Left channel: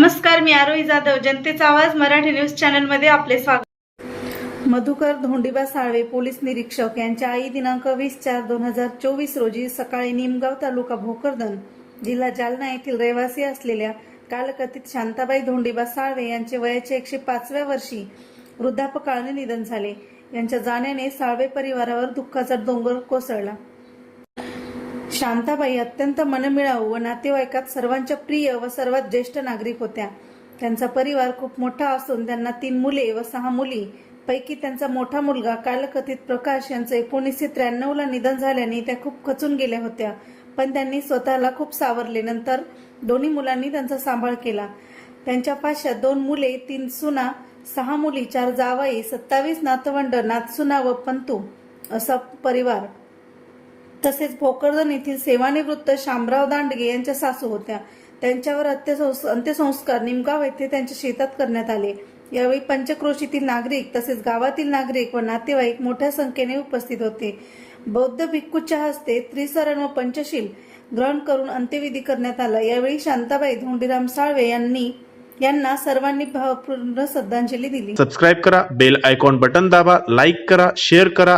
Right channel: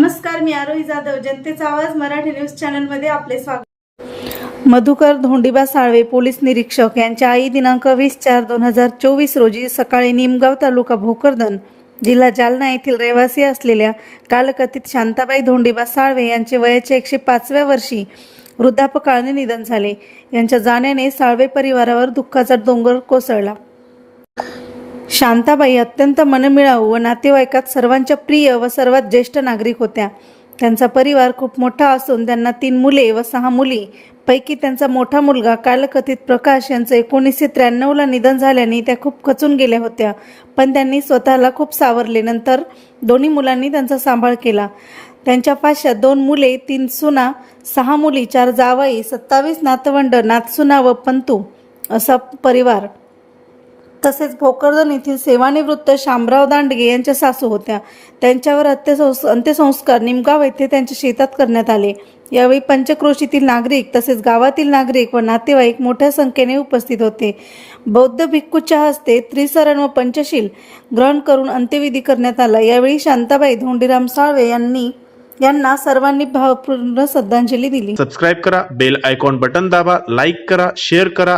नमस्कार मी आरोही जाधव जनतेचा आवाज मराठी न्यूज चॅनलमध्ये आपले स्वागत. मधुकर धोंडीबा साळवे पोलीस निरीक्षक यांच्या आई दिनांक वीस चार दोन हजार चोवीस रोजी सकाळी निमगाव तालुका भोकरदन जिल्हा जालना येथील रहिवासी असलेल्या कालकथित शांताबाई धोंडीबा साळवे यांचे वयाचे एकशे पाचव्या वर्षी वृद्धापकाळाने निधन झाले. यांच्या जाण्याने साळवे परिवारावर दुःखाचा डोंगर कोसळला. शांताबाई अत्यंत मनमिळाऊ व नातेवाईकात सर्वांच्या प्रिय व सर्वात ज्येष्ठ नागरिक होत्या. त्यांचा परिवार खूप मोठा असून त्यांना तीन मुले व सहा मुली. पैकी त्यांचा मोठा मुलगा कालकथित प्रकाश यांचं एकोणीसशे त्र्याण्णवला निधन झाल्याने त्या खूप खचून गेल्या होत्या. पण त्यांनी स्वतःला खूप सावरले. नंतर दोन्ही मुलांनी त्यांचा सांभाळ केला. त्यांच्या पाशात दोन मुले तीन सुना सहा मुली चार जावाई सत्तावीस नातवंड नातसुना व पंतू असा परिवार. तसेच भोकरदन येथील सेवानिवृत्त शामराव दांडगे यांच्या सासू होत्या. त्यांच्यावर अंत्यसंस् अंत्यसंस्कार निमगाव येथे त्यांच्या शेतात करण्यात आले. यावेळी पंचक्रोशीतील नागरिक तसेच गावातील नागरिक व नातेवाईक मोठ्या संख्येने उपस्थित होते. बौद्ध भिक्खूच्या हस्ते त्रिसरण व पंचशील ग्रहण करून अंत्यविधी करण्यात आला. यावेळी शांताबाई धोंडीराम साळवे यांनी यांना सर्वांनी भावपूर्ण श्रद्धांजली दिली. सबस्क्राईब करा बेल आयकॉन बटन दाबा लाईक करा शेअर करा.